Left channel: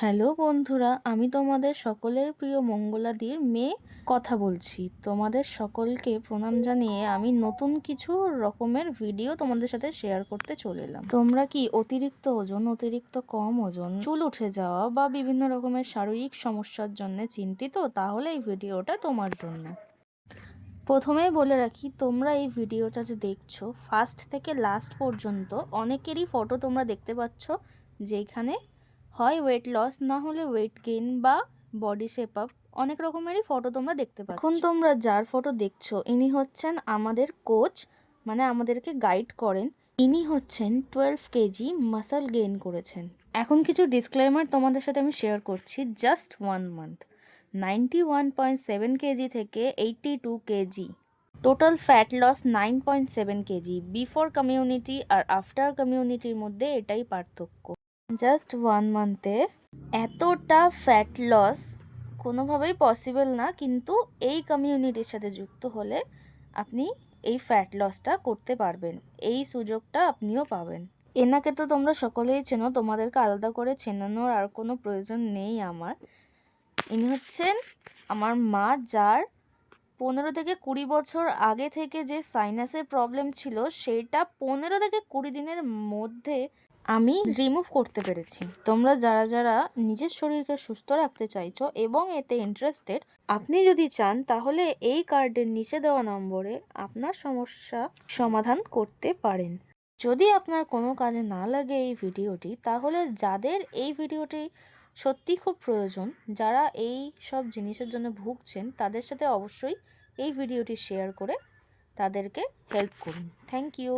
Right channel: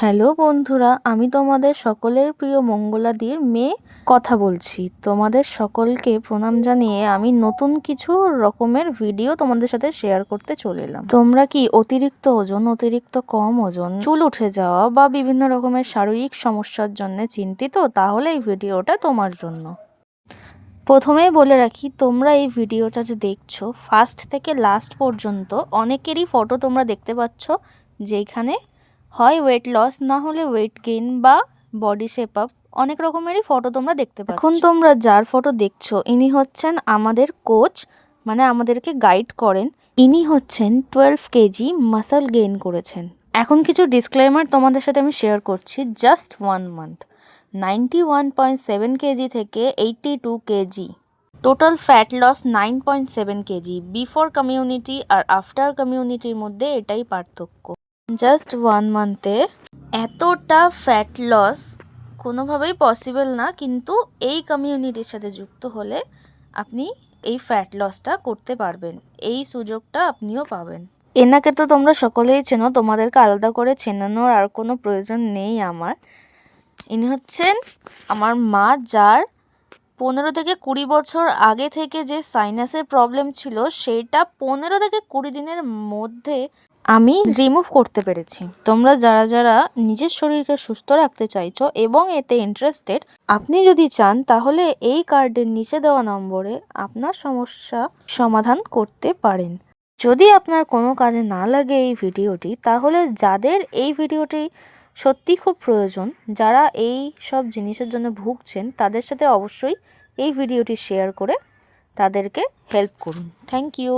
Hello বন্ধুরা, আমি তোমাদের সকলের প্রিয় মঙ্গলাদির মেয়ে কথা বলছি। তোমাদের সকলকে প্রণাম জানিয়ে আমি নতুন কিছু রকমের ভিডিও তোমাদের সাথে শেয়ার করতে চলে এলাম। তোমরা কি অতিরিক্ত ওজন, অতিরিক্ত কম ওজন, চুল উঠে যাওয়া বা বিভিন্ন রকমের শারীরিক সমস্যার জন্য চিন্তিত? তাহলে এই ভিডিওটা তোমার জন্য। প্রথমেই বলে রাখি, তোমরা এই ভিডিওটা যে দেখছো ফার্স্ট থেকে লাস্ট পর্যন্ত অনেকেরই ফটো তোমরা দেখতে পাচ্ছ, যেখানে হয় ওয়েট লস, না হলে ওয়েট গেইন বা বডি শেপ আপ, অনেক রকমেরই ফটো তোমরা দেখতে পাচ্ছ। এখন তোমরা যার ফটো দেখছো ইনি হচ্ছেন আমাদের কোচ, মানে আমাদেরকে গাইড করেন। ইনি হচ্ছেন 12 কেজি মাসল গেইন করেছেন। এখন কিছু ডিসক্লেমার তোমাদের সাথে আমি শেয়ার করছি। জাস্ট 1 মান্থ 91.7 কেজি থেকে 82 KG, total fat loss 9.7 KG. Before community আর আফটার কমিউনিটির মধ্যে এটাই পার্থক্য। জাস্ট 1 মান্থে এতটা ফ্যাট লস কোনোভাবেই পসিবল না, কিন্তু এই কমিউনিটির সাথে যুক্ত হলে আপনি এই ফ্যাট লসটা করতে পারবেন, এই সুযোগটা আপনিও পাবেন। এনাকে তো তোমরা সকলেই চেনো, তোমাদেরকে আলাদা করে চেনানোর আর কোনো প্রয়োজন নেই আমার। ইনি হচ্ছেন আমার মা, যার 15 থেকে 20 বছর আগে থেকে যে সাইনাসের প্রবলেম ছিল সেটা 15 থেকে 20 দিনের মধ্যে আমি রিমুভ করতে পেরেছি। তোমরা যারা যারা নিজের শরীরকে সুস্থ রাখতে চাইছো এবং এতে ইন্টারেস্টেড, আপনি যদি চান তাহলে এই কার্ডের নিচে দেওয়া নম্বরে আপনার সমস্যা সমাধান করতে পারেন। যদি আপনার কোনো কাজে না লাগে এই ভিডিওটি, তাহলে যাদের এই ভিডিওটি সত্যি খুব প্রয়োজন, যারা এই সব জিনিসের জন্য ভুগছেন, তাদের সাথে অবশ্যই এই ভিডিওটি শেয়ার করে তাদেরকে হেল্প করুন। Thank you.